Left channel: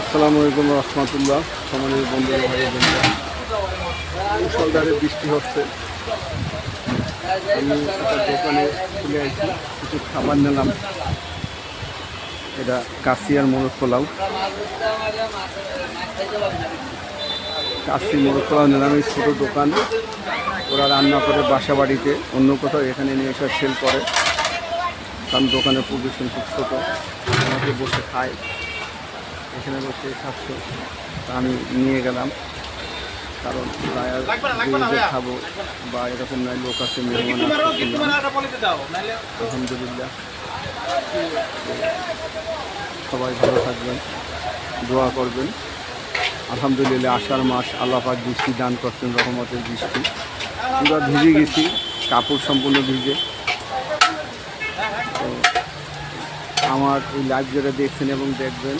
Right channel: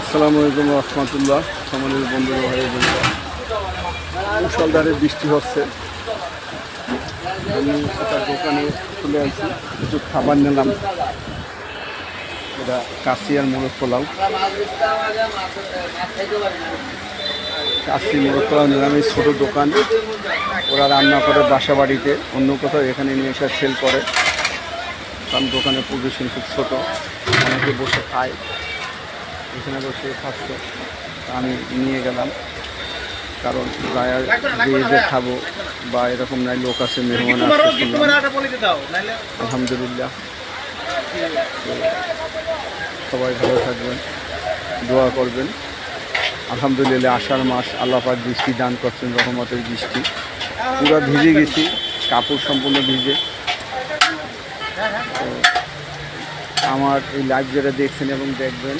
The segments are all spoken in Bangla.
আসসালামু আলাইকুম রহমতুল্লাহ। সম্মানিত বন্ধুরা, ভাই বোনেরা, মুষলধারে বৃষ্টি হচ্ছে। আমি একটা দোকানে চলে আসছি, কিছু খাবার নিলাম। এটা কাশিয়ার মোরগ পোলাও, কাশি মোরগ পোলাও নিলাম। এই ছোটো দোকান, ওরা রান্না করে বাসা বাড়িতে, অন্য কোথাও এখানে নিয়ে এসে সেল করে। কারণ দোকানের পজিশন খুব ছোটো, অনেকে বসে খায়, এখানে বসে খাচ্ছে। আমি নিয়ে গেলাম, কারণ যে খাবো বা এরকম নাই, লোক আছে, মেহমান আছে শুনলাম। আলহামদুলিল্লাহ, সবাই ভালো থাকবেন, দোয়া করবেন। আলহামদুলিল্লাহ, আষাঢ় মাস, আল্লাহ পাক বৃষ্টি দান করছেন, রহমতের বৃষ্টি। পুরো ভিজে গেছি, কাপড় সম্পূর্ণ ভিজে। তো আমার এই লাইভ যেটা দেখছেন এবং দেখবেন,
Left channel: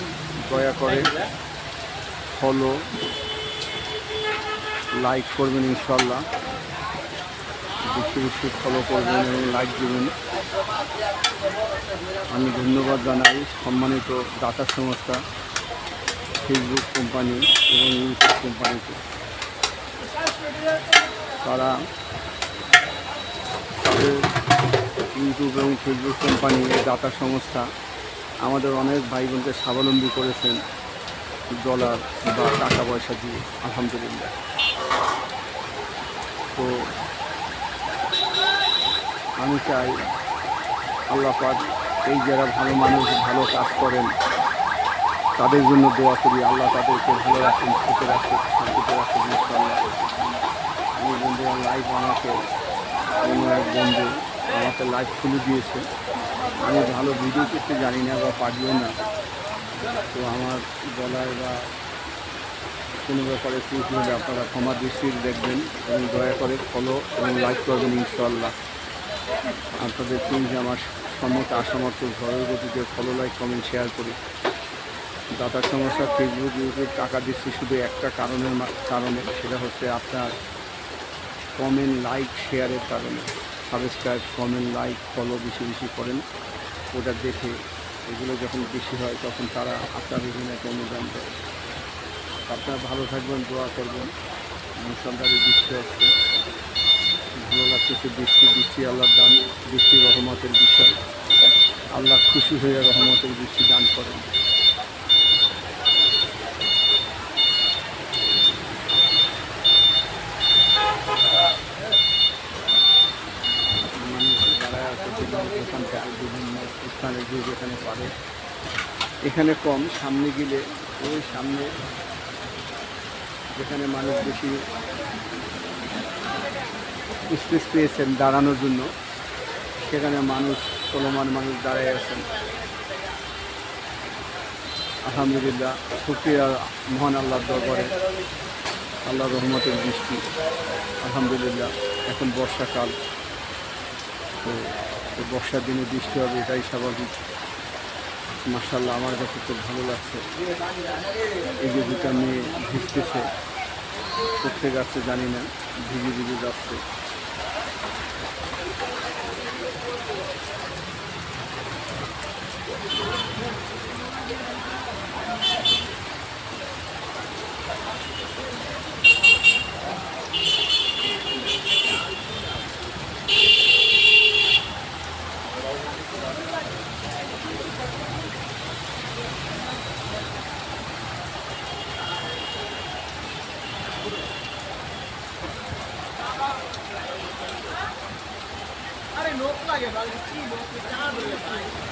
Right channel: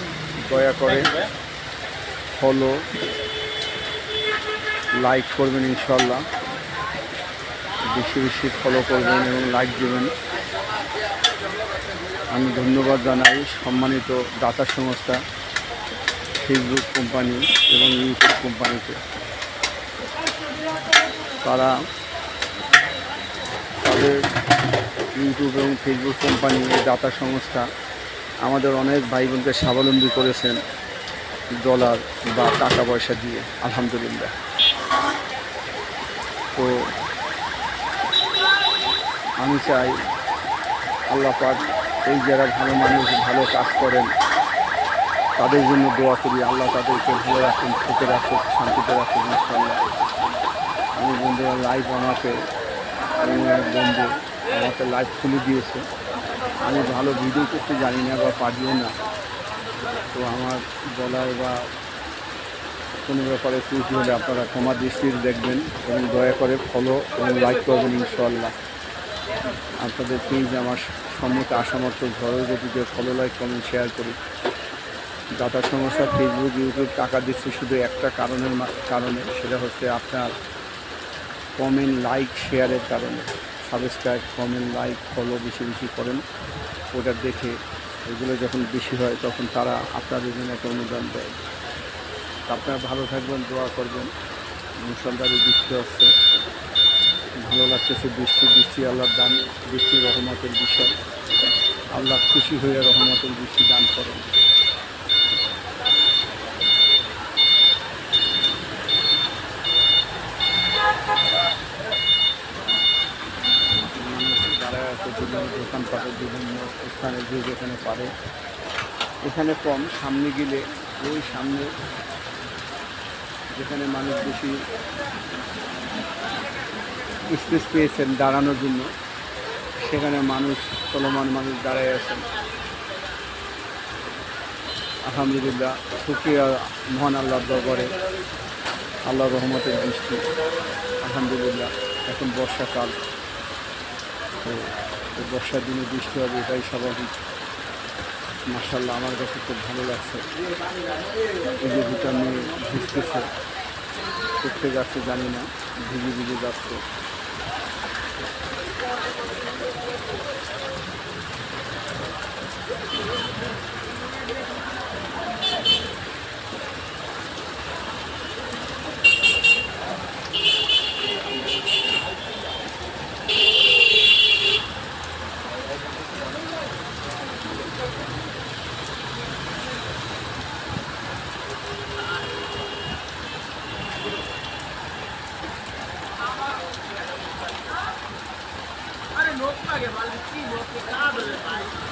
দয়া করে ফলো, লাইক করবেন, ইনশাল্লাহ বেশি বেশি ফলো করবেন এবং লাইক দেবেন। আমি ধন্যবাদ জানাই সম্মানিত দাতা সংস্থা ফেসবুক কোম্পানি এবং ইউটিউব কোম্পানিতে। তারা তাদের ইউটিউব এবং ফেসবুক কোম্পানি, দাতা সংস্থা আমাদের অনেক ভাই বোনকে স্বাবলম্বী করেছেন ডলার বা টাকা পয়সা দিয়ে, আলহামদুলিল্লাহ। তো আমি চাই আল্লাহ পাক এই যারা ভালো মানুষ, ভালো কাজ করেন, তাদের জন্য দোয়া করি, আল্লাহ তাদেরকে ভালো রাখুন, সুখে রাখুন, শান্তিতে রাখুন, ইনশাল্লাহ। আমি বন্ধুরা লাইভ আমাকে, এবং এক বন্ধু আমাকে লাইভ খুলে দিয়েছে। আমি ভালো ভিডিও করতে জানি না বা পারিও না, তো আমার বলায় বা কোনো ব্যাপারে ত্রুটি হলে আপনারা ক্ষমা দৃষ্টিতে দেখবেন এবং দয়া করে ফলো এবং লাইক করবেন, ইনশাল্লাহ। আপনাদের প্লিজ আমার সম্মতি আসামর্থ্য ঝড়ের গতিতে ফলো, লাইক, কমেন্ট, শেয়ার করি। দাতা সংস্থা ফেসবুক, ইউটিউব টাকা দিচ্ছে শুধু একটা কারণে, সেটা হচ্ছে আপনার কমেন্ট, লাইক, শেয়ারের কারণে। সাবস্ক্রাইব, কমেন্ট, লাইক, ফলো বেশি বেশি করেন। ওটা দেখে এগুলো যখন বেশি হয়, তখন তারা আপনাদের জন্য একটা অনুদান দেয়। আপনারা ভালো থাকবেন, দোয়া করবেন। মুষলধারে বৃষ্টি হচ্ছে, ভালো লাগতেছে। বৃষ্টি আল্লাহর দান, বৃষ্টি রহমতের বিষয়। আল্লাহ খুশি হয়ে রহমতের বৃষ্টি দান করেন। মানুষ দাঁড়ায় আছে বিভিন্ন দোকানপাটের, বিভিন্ন স্থানে, যে যেখানে পারে। এখানে কম, সামনে গেলে ওই সামনে যেখানে মানুষ বেশি স্পেস পেয়েছেন দাঁড়ানোর জন্য, সেখানে মানুষ, চলমান মানুষ দাঁড়ায় আছেন। আলহামদুলিল্লাহ, শুকরিয়া মহান আল্লাহর দরবারে, আল্লাহর রহমতের বৃষ্টি। আলহামদুলিল্লাহ, এখন বর্ষাকাল, তো বর্ষার দিনে বৃষ্টি হবে, এটাই স্বাভাবিক। মাশাআল্লাহ, আমার কাছে খুব ভালো লাগছে। এই যে দুটা মেয়ে ভিজতেছে, করতে যাচ্ছে জানি না, ভিজে ভিজে যাচ্ছে। अरे लोक लागे बाल लोक